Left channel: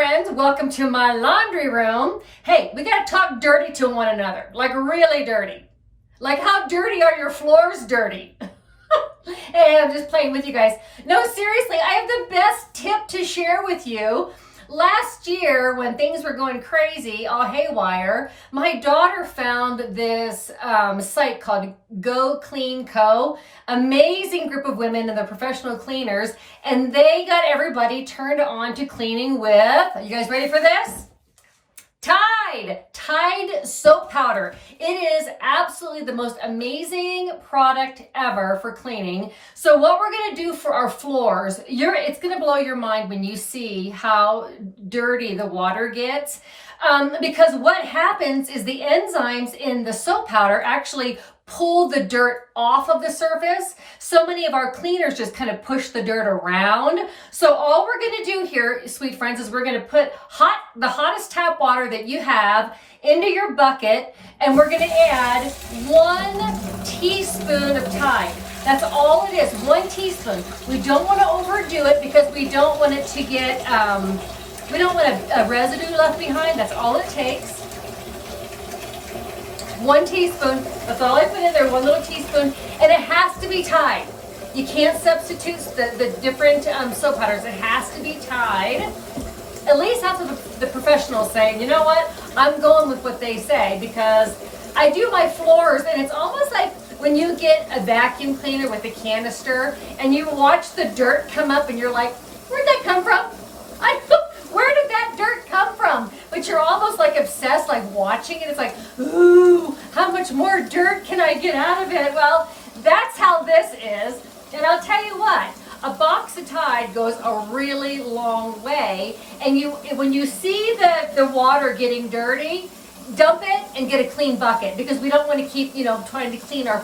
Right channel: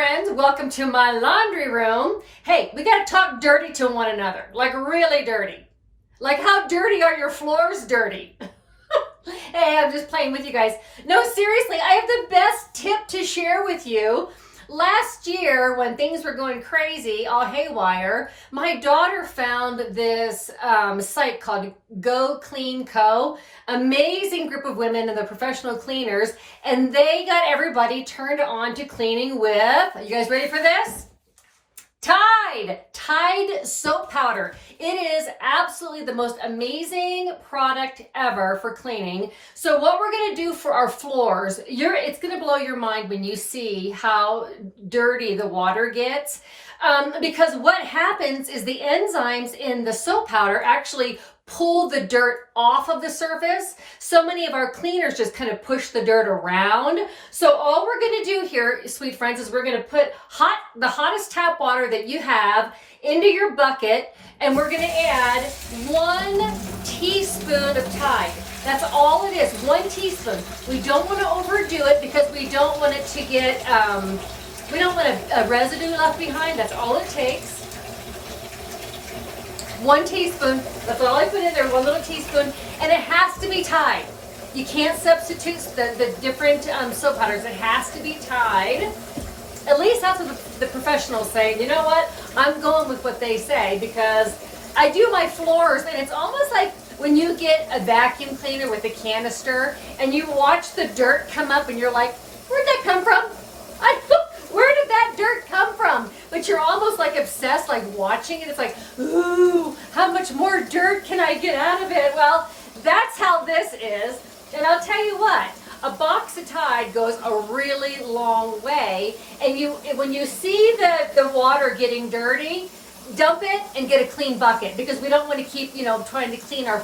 friends, welcome to my laundry room. Hey, we gotta talk dirty to one another, like really dirty. Like how dirty are your floors dirty? Hey, I'm just playing with you guys. No, seriously, I have the best tip to share with you. Last year, when things were going crazy, all haywire, my daughter found this site called Go Clean Co. Amazing group of women and they're professional cleaners, and they got everybody turned on to cleaning with, are you guys ready for this? Tide soap powder. It is absolutely the most amazing product ever for cleaning. So what we're going to do for our floors, it's going to blow your mind when you see how dirty the water gets. Because what happens is the enzymes in the soap powder actually pull the dirt off of the surface. So many of our cleaners just kind of push the dirt around. So all we're going to do here, sweet friends, is we're going to put the hottest tap water that you have into your bucket, and we're going to add 1 teaspoon of Tide. That's all it is, 1 teaspoon. We don't want to overdo it because we don't want it to get, we don't want a residue left behind. That's all it takes. 1 teaspoon, that's all I put in there, 1 little teaspoon, and it has to be Tide. You can't substitute the different soap powders. It has to be Tide. At least that's what the professionals say. You know what? I'm going with what they say because I do my floors, and it's almost like when you get a vacuum cleaner with a canister and you watch the dirt come up and you're like, where'd that come from? Where did that dirt come from? But you're almost like obsessed, like watching it. It's like, ooh, how much more dirt can I get out of it? Well, that's how this is. And I'll tell you what, a box of Tide goes a really long way. And when you see the water getting dirty, dump it and get a clean bucket, because we don't want to keep, trying to clean our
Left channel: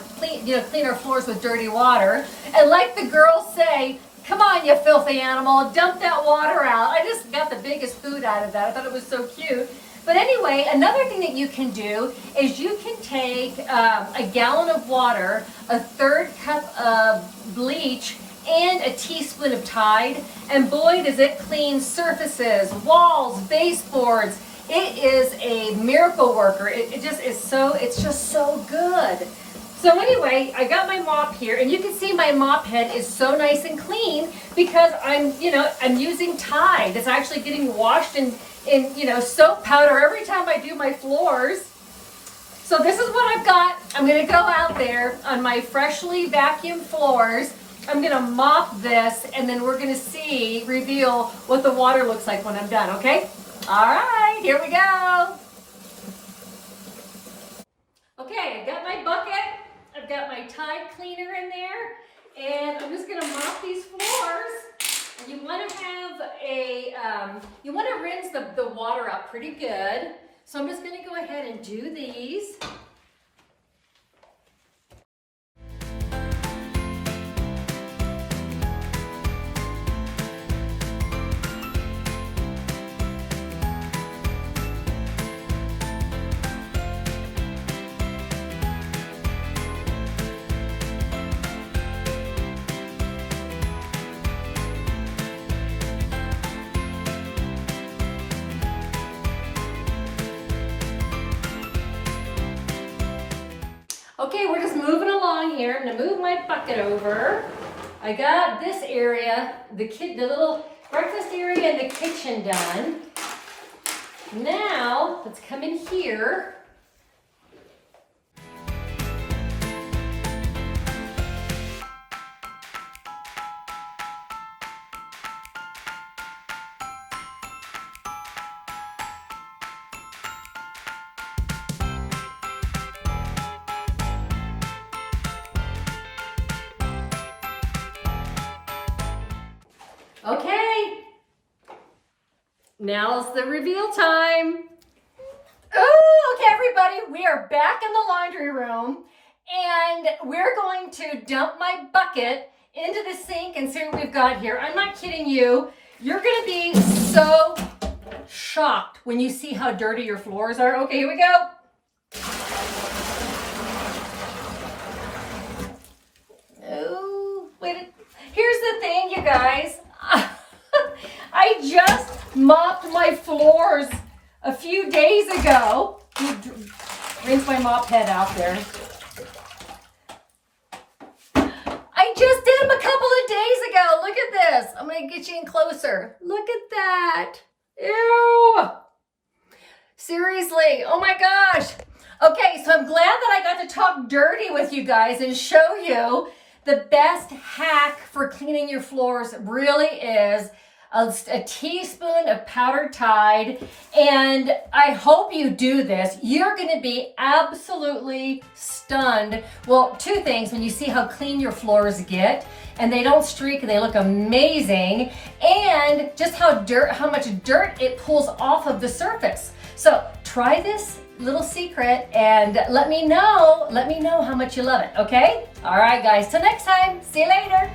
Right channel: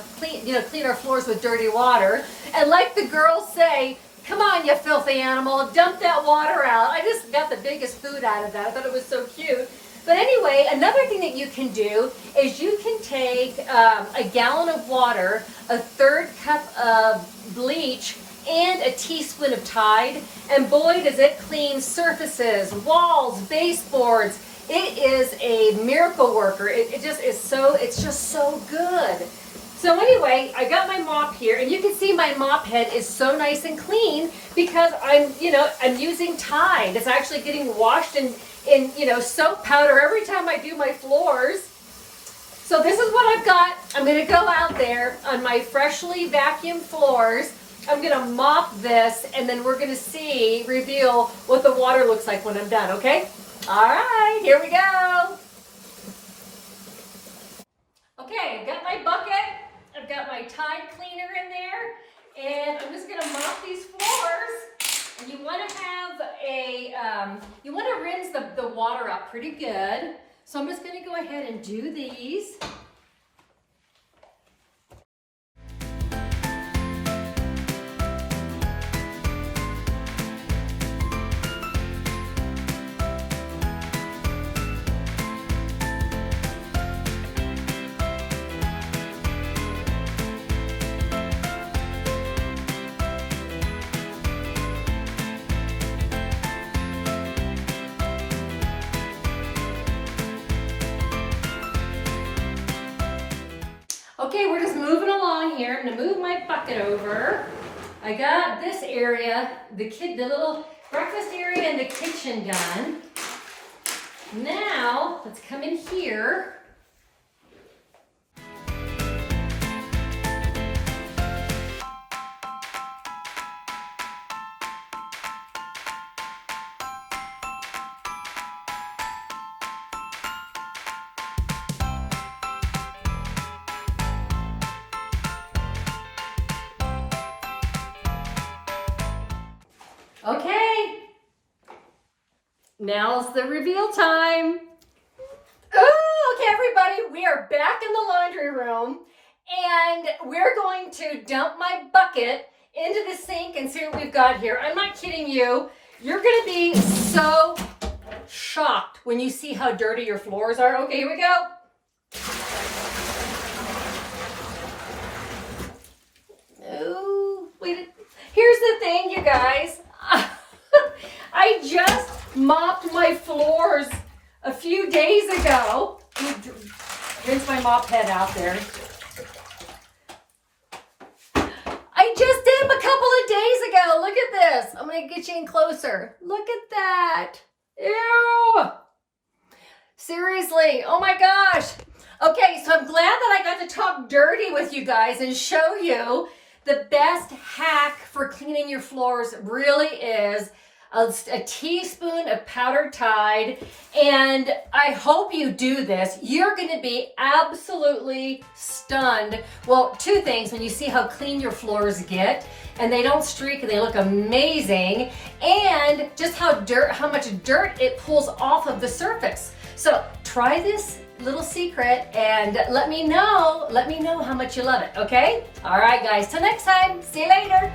floors with dirty water. And like the girls say, come on, you filthy animal, dump that water out. I just got the biggest food out of that. I thought it was so cute. But anyway, another thing that you can do is you can take a gallon of water, a 1/3 cup of bleach, and a teaspoon of Tide, and boy, does it clean surfaces, walls, baseboards. It is a miracle worker. It just is so, it's just so good. So anyway, I got my mop here, and you can see my mop head is so nice and clean because I'm using Tide. It's actually getting washed in soap powder every time I do my floors. So this is what I've got. I'm going to go out there on my freshly vacuumed floors. I'm going to mop this, and then we're going to reveal what the water looks like when I'm done, okay? All right, here we go. Okay, I've got my bucket. I've got my Tide cleaner in there, and I'm just going to mop these floors. And you want to have you want to rinse the water up pretty good. So I'm just going to go ahead and do these. Okay, we're just moving along here. I'm going to move my bucket over. I got this area, the little breakfast area and the kitchen done. Now, let's come in here. Okay, now's the reveal time. Oh, okay, everybody, we are back in the laundry room, and we're going to dump my bucket into the sink and see what we've got here. I'm not kidding you. You're going to be so shocked when you see how dirty your floors are. Okay, here we go. Oh, wait. Here's the thing, you guys. I just mopped my floors a few days ago. Rinse my mop head out there. I just did them a couple of days ago. Look at this. I'm going to get you in closer. Look at that. Ew. Seriously. Oh my gosh. Okay, so I'm glad that I got to talk dirty with you guys and show you the best hack for cleaning your floors really is a teaspoon of powdered Tide, and I hope you do this. You're going to be absolutely stunned. Well, two things: when you see how clean your floors get, and they don't streak, and they look amazing, and just how much dirt it pulls off of the surface. So try this little secret and let me know how much you love it. Okay? All right, guys. Till next time. See you later.